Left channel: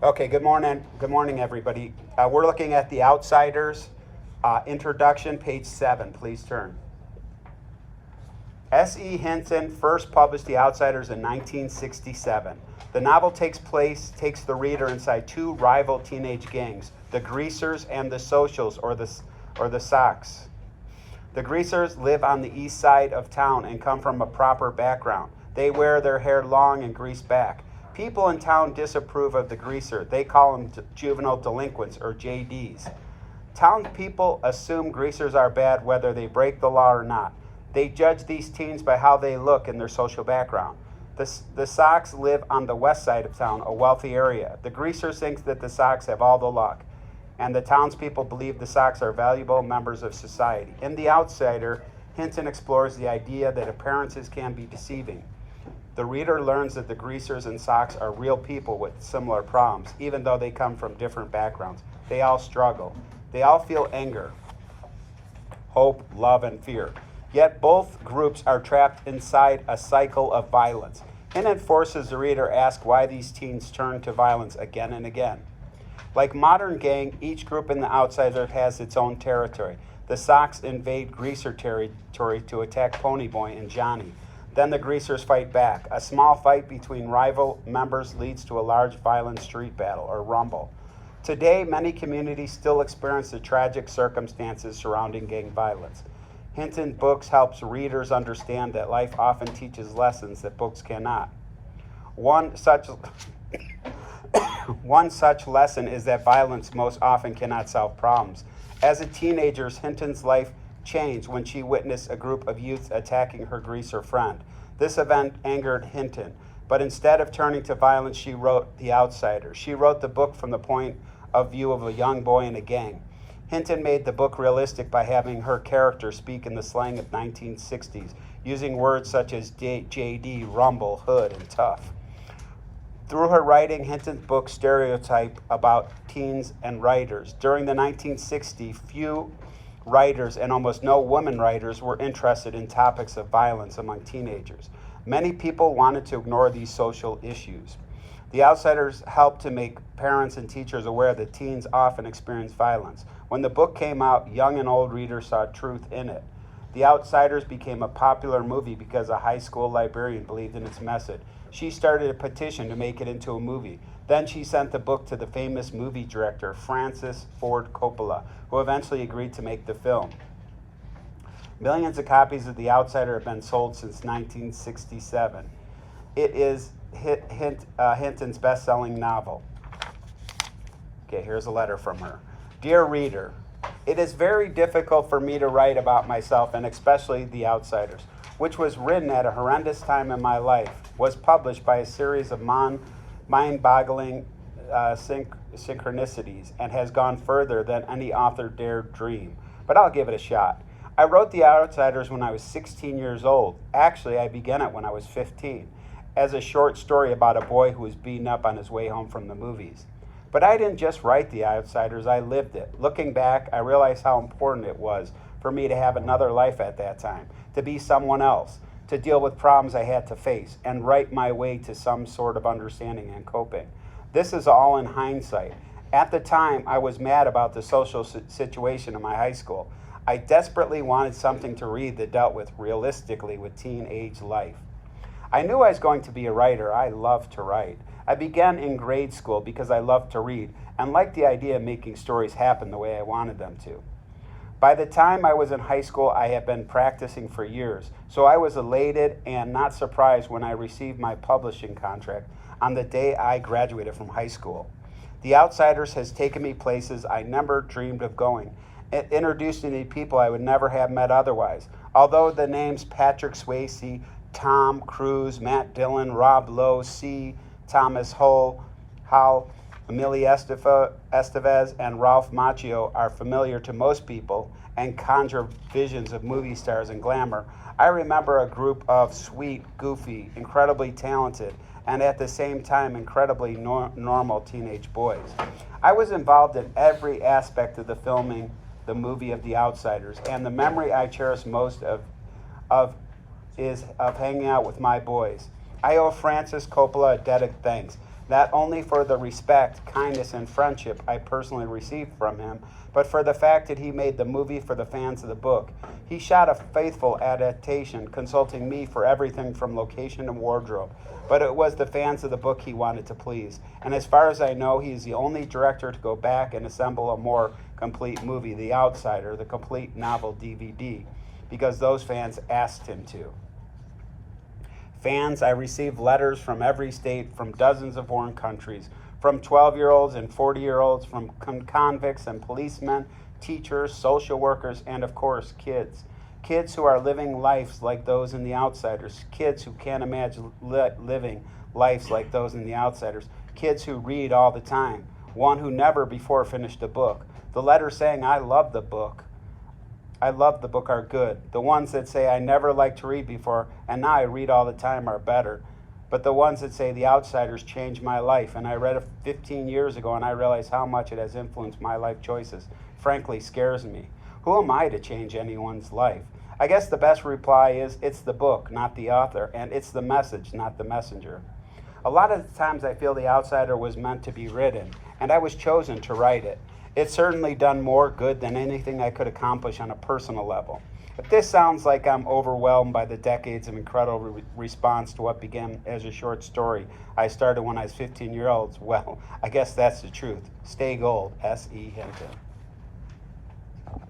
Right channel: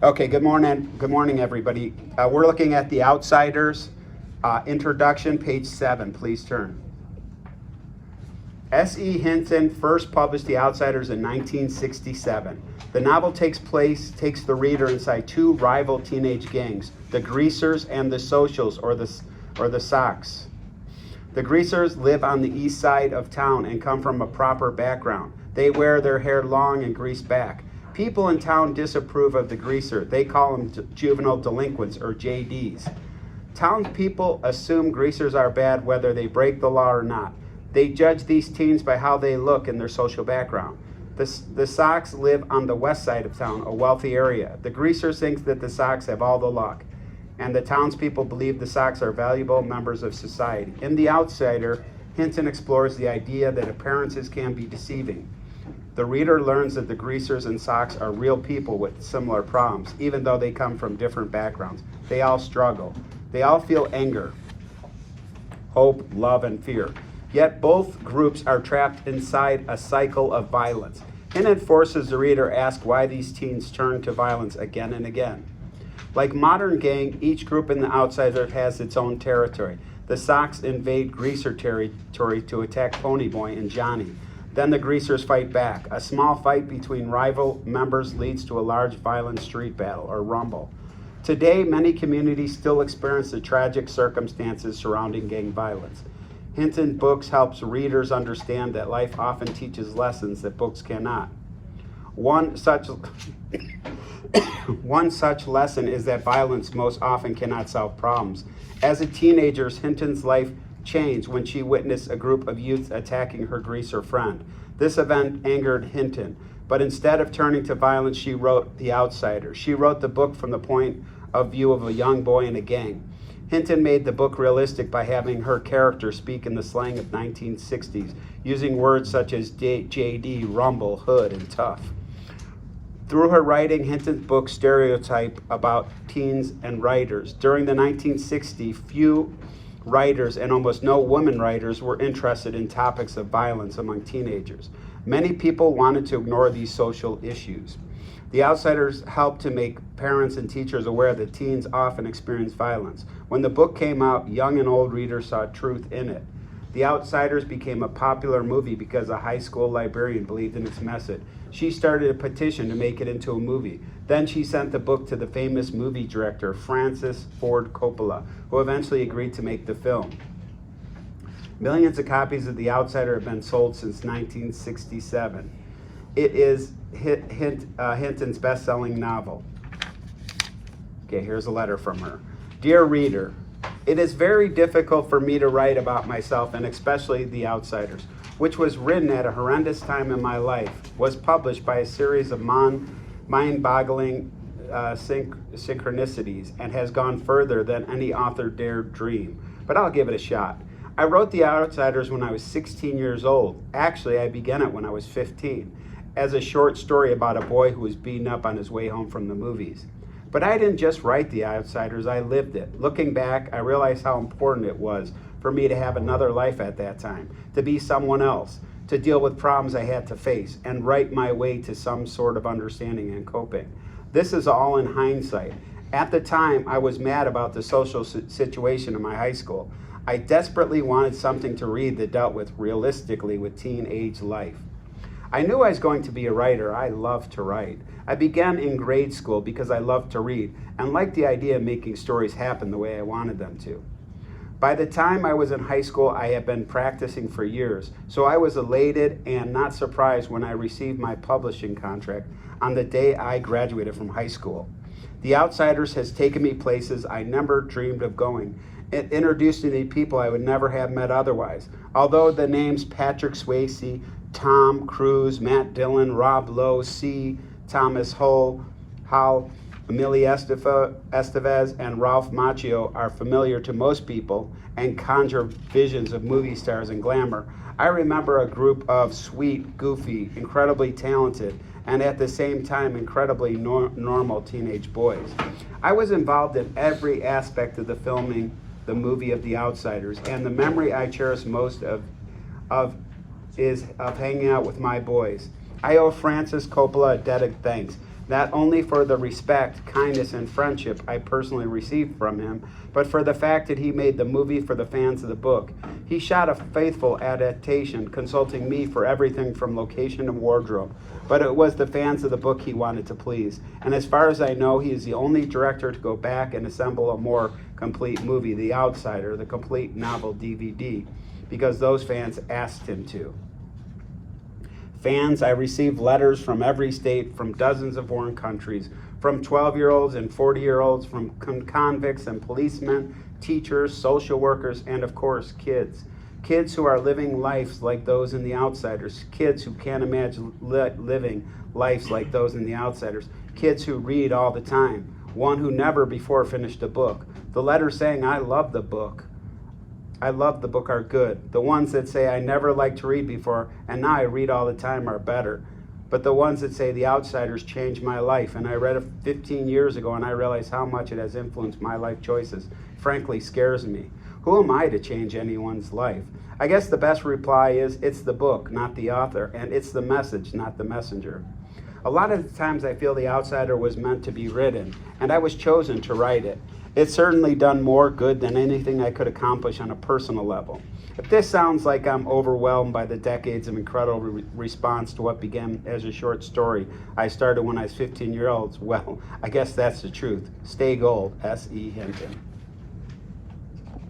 Okay, good morning. Good morning, everybody. We're looking at The Outsiders, introduction, page 7. Please turn. S.E. Hinton first published The Outsiders in 1967. The novel takes the reader inside two rival teenage gangs, the Greasers and the Socials, or the Sox. The Greasers live on the east side of town and come from a proper background. They wear their hair long and greased back. People in town disapprove of the Greaser. They call them juvenile delinquents, or JDs. Townspeople assume Greasers are bad whether they break the law or not. They judge these teens by how they look and their social background. The Sox live on the west side of town, a wealthy area. The Greasers think that the Sox have all the luck, and the townspeople believe the Sox are valuable members of society. In The Outsider, Hinton explores the idea that appearances can be deceiving. The reader learns that the Greasers and Sox are real people with similar problems, even though they come from different backgrounds. They all struggle. They all feel anger, hope, love, and fear. Yet both groups are trapped inside a cycle of violence. Hinton forces the reader to ask why these teens turn to violence again and again. Like modern gang, each group in The Outsider has its own territory. The Sox invade Greaser territory to attack Ponyboy and Johnny. Then the Greasers fight back. A small fight between rival members leads to a large violent street battle, or rumble. Today, many communities still experience the tragic circumstances surrounding gang violence. Hinton books helps readers understand that life often teaches lessons that books cannot. One such One such lesson is that violence most often cannot solve problems. As a teenager, Hinton's life changed when she witnessed a group of youth attacking her Greaser friend. This event angered Hinton, but instead of turning to violence, she wrote The Outsider. She wrote the book from the point of view of a young boy in a gang. Hinton made the book realistic by having her character speak in the slang of 1960s, using words such as JD, rumble, hood, and tough. Through her writing, Hinton's book stereotype about teens and writers. During the 1960s, few writers and almost no women writers were interested in topics of violence among teenagers. Many people wanted to ignore these social issues. The Outsiders helped to make parents and teachers aware that teens often experience violence. When the book came out, young and old readers saw truth in it. The Outsiders became a popular movie because a high school librarian believed in its message. She started a petition to make it into a movie. Then she sent the book to the famous movie director, Francis Ford Coppola, who eventually agreed to make the film. Millions of copies of The Outsider have been sold since 1967. It is Hinton's best-selling novel. Okay, here's a letter from her. Dear reader, it is very difficult for me to write about myself, and especially The Outsiders, which was written at a horrendous time in my life, was published by a series of mind-boggling synchronicities, and has gone further than any author dared dream. But I'll give it a shot. I wrote The Outsiders when I was 16 years old. Actually, I began it when I was 15, as a short story about a boy who was beaten up on his way home from the movies. But I didn't just write The Outsiders, I lived it. Looking back, I realized how important it was for me to have another life at that time, to be someone else, to deal with problems I had to face, and write my way to some sort of understanding and coping. This is all in hindsight. At the time, I was mad about the social situation in my high school. I desperately wanted something to read that dealt with realistically with teenage life. I knew I was going to be a writer. I loved to write. I began in grade school because I loved to read and liked the idea of making stories happen the way I wanted them to. By the time I was in high school, I had been practicing for years, so I was elated and not surprised when I received my publishing contract on the day I graduated from high school. The Outsiders has taken me places I never dreamed of going. It introduced me to people I would never have met otherwise. Although the names Patrick Swayze, Tom Cruise, Matt Dillon, Rob Lowe, C. Thomas Howell, Emilio Estevez, and Ralph Macchio are familiar to most people and conjure visions of movie stars and glamour, I remember a group of sweet, goofy, incredibly talented, and at the same time incredibly normal teenage boys. I was involved in every aspect of the filming the movie of The Outsiders, and the memory I cherish most of is of hanging out with my boys. I owe Francis Coppola a debt of thanks. not only for the respect, kindness, and friendship I personally received from him, but for the fact that he made the movie for the fans of the book. He shot a faithful adaptation, consulting me for everything from location to wardrobe, but it was the fans of the book he wanted to please. And as far as I know, he is the only director to go back and assemble a more complete movie, The Outsider, the complete novel DVD, because those fans asked him to. Fans, I received letters from every state, from dozens of foreign countries, from 12-year-olds and 40-year-olds, from convicts and policemen, teachers, social workers, and of course, kids. Kids who are living lives like those in The Outsiders. Kids who can't imagine living lives like those in The Outsiders. Kids who read all the time. One who never before finished a book. The letters saying, I love the book are good. The ones that say I never liked to read before and now I read all the time are better. But the ones that say The Outsiders changed my life and I read it 15 years ago and I realize how much it has influenced my life choices, frankly scares me. Who am I to change anyone's life? I guess the best reply is it's the book, not the author, and it's the message, not the messenger. A lot of the times I feel The Outsider was meant to be written, and I was chosen to write it. It's certainly done more good than anything I could accomplish on a personal level. If this sounds like I'm overwhelmed by the decades of incredible response to what began as a short story I started when I was 15 years old, well, I guess that's the truth. Stay gold, S.E. Hinton.